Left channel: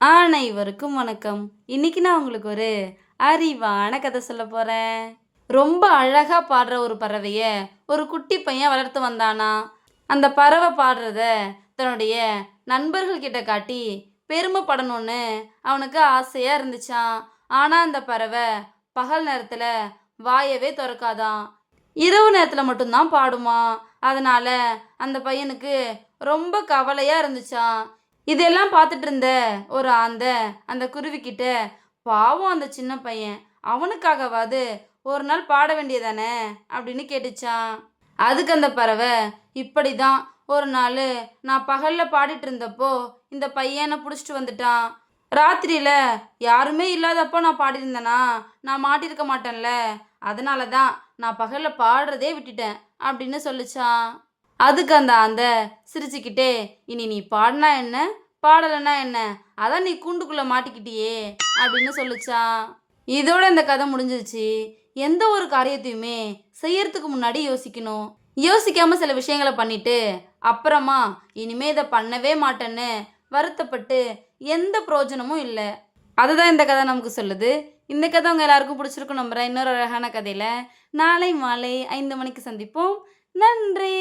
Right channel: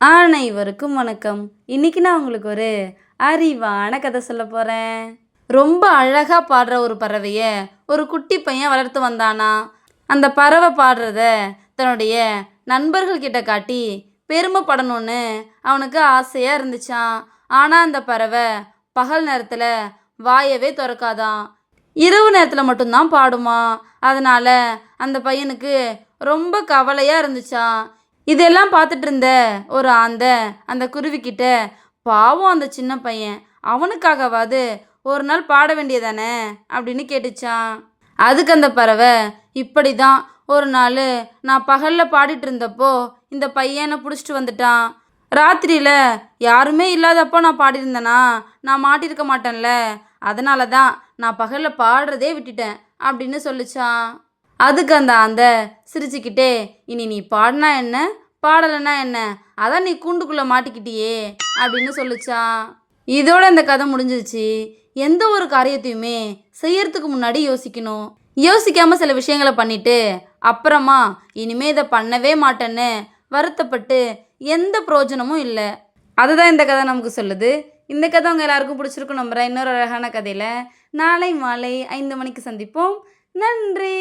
அனைவருக்கும் வணக்கம். இன்னைக்கு நான் உங்களுக்கு ஒரு அறிவான கதை சொல்ல போறேன். ரொம்ப அழகா பாடுற ஒரு பறவைய ஒரு குட்டி பையன் வளர்த்து வந்தானா. அந்த பறவை பாடுறத தன்னுடைய நண்பர்கள் கிட்ட காட்டி பெருமைப்படணும்னு அவனுக்கு ஆசையா இருந்துச்சாம். ஆனா அந்த பறவை பகல் நேரத்துல வாயவே திறக்காதாம். இரவு நேரத்துல மட்டும்தான் பாடுமா. அதனால அந்த பையனுக்கு ரொம்ப கவலையா இருந்துச்சாம். இதெல்லாம் பார்த்துட்டு இருந்த ஒரு ஆந்தை அந்த குருவிக்கிட்ட, பாவம் அந்த சின்ன பையன், அவனுக்காகவாது ஒரு நாள் பாட வேண்டியதானே அப்படின்னு கேட்டுச்சான். அதுக்கு அந்த பறவை, இப்படி தான் ஒரு நாள் நான் பகலில் பாடிட்டு இருந்தப்போ இந்த பையனை பிடிச்சிட்டு வந்துட்டான். ராத்திரியில் யாருமே இல்லாதப்போ நான் பாடியிருந்தேனா நான் மாட்டியிருக்க மாட்டேன்ல, அதனால தான் நான் பகலில் பாடுறதே விட்டுட்டேன் அப்படின்னு சொல்லிச்சான். அதுக்கு அந்த ஆந்தை சிரிச்சுக்கிட்டே, இனி நீ பாடினா என்ன பாடலைன்னா என்ன, அதான் நீ கூண்டுக்குள்ளே மாட்டிக்கிட்டியே அப்படின்னு சொல்லிச்சான். இதோட இந்த கதை முடிஞ்சிருச்சு. எந்த ஒரு காரியத்தையுமே செய்யறதுக்கு முன்னாடி யோசிக்கணும். யோசிக்காம சில விஷயங்களை பண்ணிட்டு அப்புறமா இனிமே இதை பண்ணவே மாட்டேன்னு வருத்தப்பட்டு எந்த பிரயோஜனமும் இல்லை. அதுதான் இந்த கதை நமக்கு சொல்லுது. இந்த கதை உங்கள் எல்லாருக்கும் பிடிச்சிருக்கும் நம்புறேன். இன்னொரு அழகான கதையில் நாளை மாலை 5 மணிக்கு சந்திப்போம். நன்றி.